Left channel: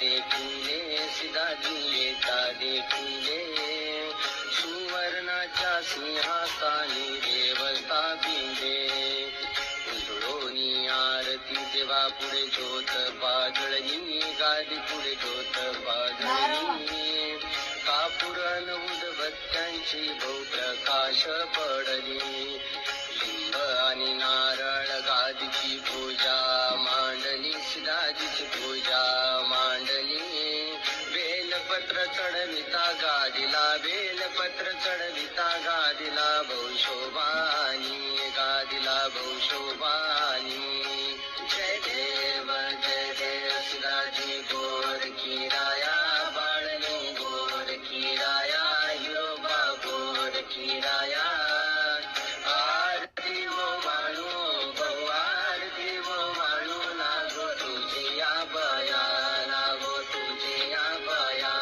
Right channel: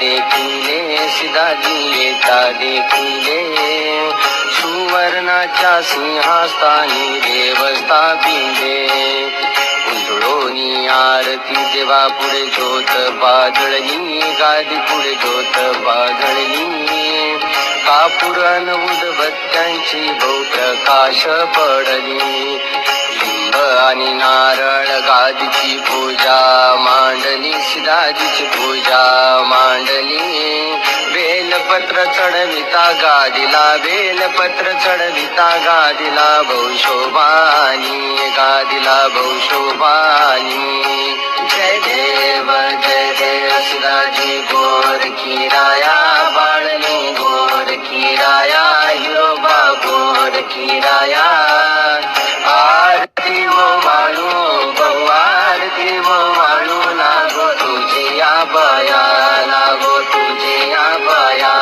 देखिले सिदाजी येता देखिले सुवर्णाच्या सिंहास्थानी देव स्थापिले उजळोनी आरती देवा पुढे ज्योत बाजळली गादी पुढे ज्योत बाजळली कापूर अन उदबत्त्यांची बहुप्रकाश पडली लिंब आणि नारळ गादीची पूजा मांडली सिदाजीची पूजा मांडली बेलपत्र चढविता गादीला बेलपत्र चढविता गादीला बहुशोभानी गादीला बहुशोभानी जय देव सिदाजी गोर खीराया बाळनी गोर खीराया हिरोबा गोर खीराया आरती वो वाळू बहु आरती वो वाळू लागो तुझी आबाया लागो तुझी आबाया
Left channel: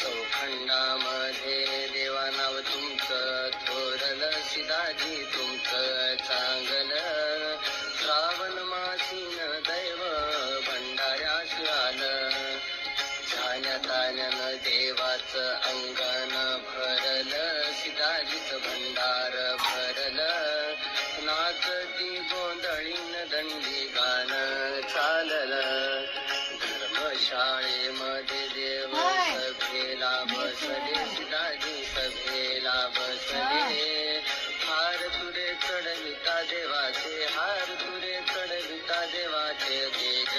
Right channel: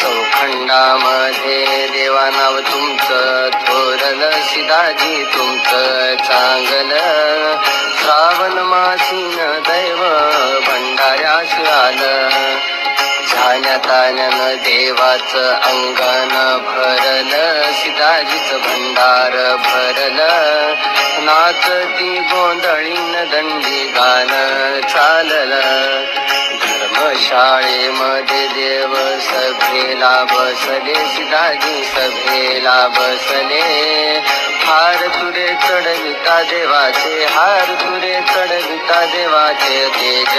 चौखंडामध्ये देवा नाव तुमचं थोरलं सिदाजी तुमचं चांगलं श्रावण मासीन दैव भंडाऱ्यास आलं झाण्याताण्यानं देवाचं अंगण भरलं सिदाजीचं भंडार भरलं नाचती गोंधळीन दंडी गाणं चाललं धर्मशाळेमध्ये देव सभेला बसले सिदाजी सभेला बसले हार तुरे चढविता देवाचे हार तुरे चढविता देवाचे तेज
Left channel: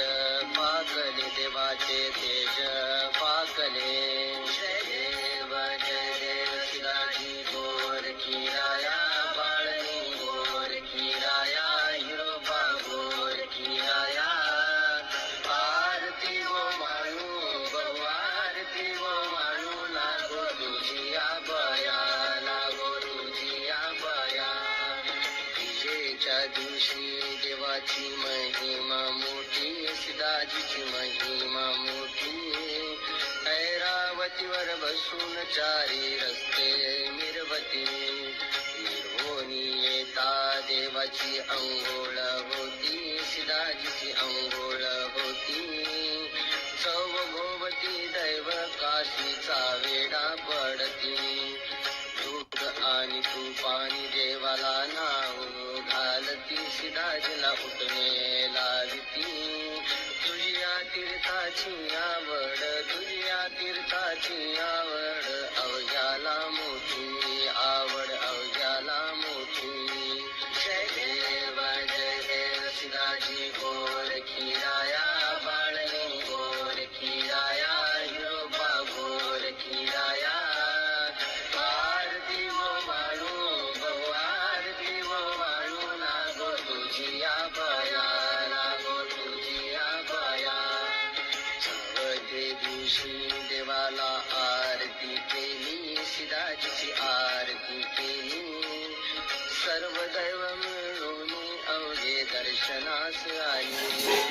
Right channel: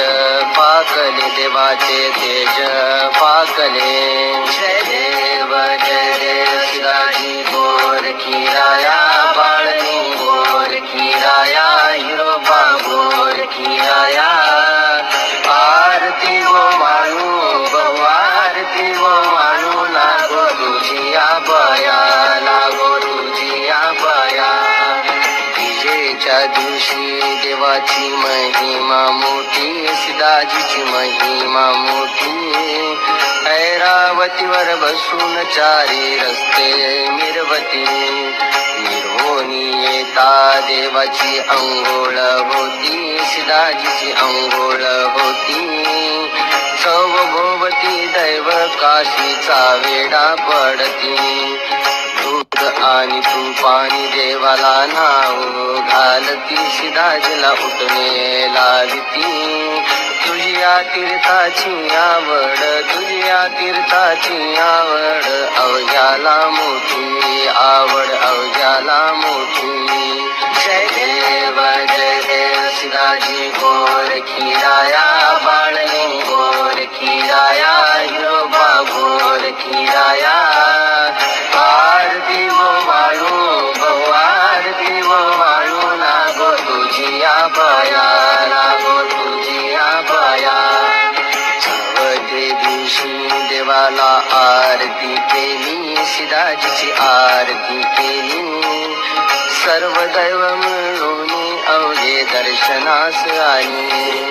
पाकले देवाचे तेज पाकले जय देव सिदाजी गोर खीराया बाळनी गोर खीराया हिरोबा गोर खीराया आरती वो माणू बहु आरती वो माणू लागो तुझी आबाया लागो तुझी आबाया विजेच्या दिवशी देवाची महिमा मोठी सिदाजीची महिमा मोठी ऐरावतीवर बसून चारी रस्ते मिरवती निर्होनी येता देवाची अंघोळ होती सिदाजीची अंघोळ होती सौभोवती दैव काशीचा वेडा पडती दूध आणि तुपानी देवाला नाव घालती सिदाजीला उठणे लाविती तुझ्या तीर्थाची आवड तुझ्या तीर्थाची आवड अवघ्याला मोठी आवड अवघ्याला मोठी जय देव सिदाजी गोर खीराया बाळनी गोर खीराया हिरोबा गोर खीराया आरती वो वाळू बहु आरती वो वाळू लागो तुझी आबाया लागो तुझी आबाया चवथे दिवशी देवाला आरती केली सिदाजीची आरती केली सर्व दैव मिळून अवघे दर्शनास आली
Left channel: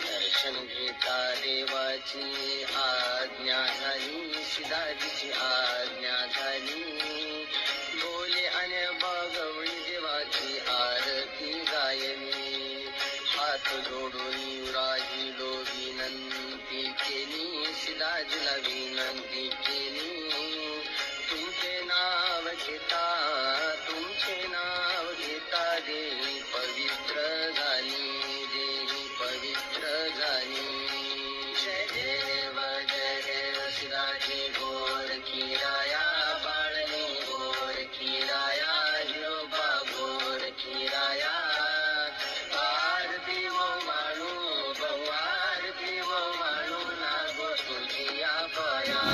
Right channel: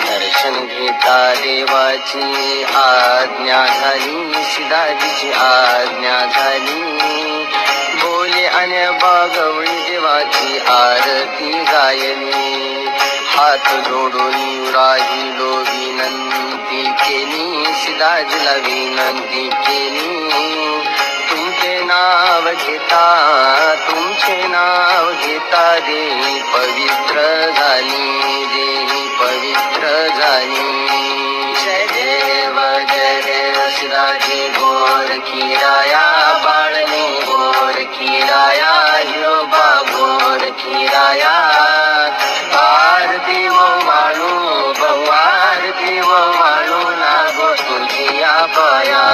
दर्शन घेता देवाची आज्ञा झाली सिदाजीची आज्ञा झाली बोले आणि बागवळी देवाची आरती गायली हात जोडून राहिलो विनंती केली सिदाजीला विनंती केली तुमचे नाव घेता देही पवित्र झाली देही पवित्र झाली जय देव सिदाजी गोर खीराया बाळनी गोर खीराया हिरोबा गोर खीराया आरती वो माणू बहु आरती वो माणू लागो तुझी आबाया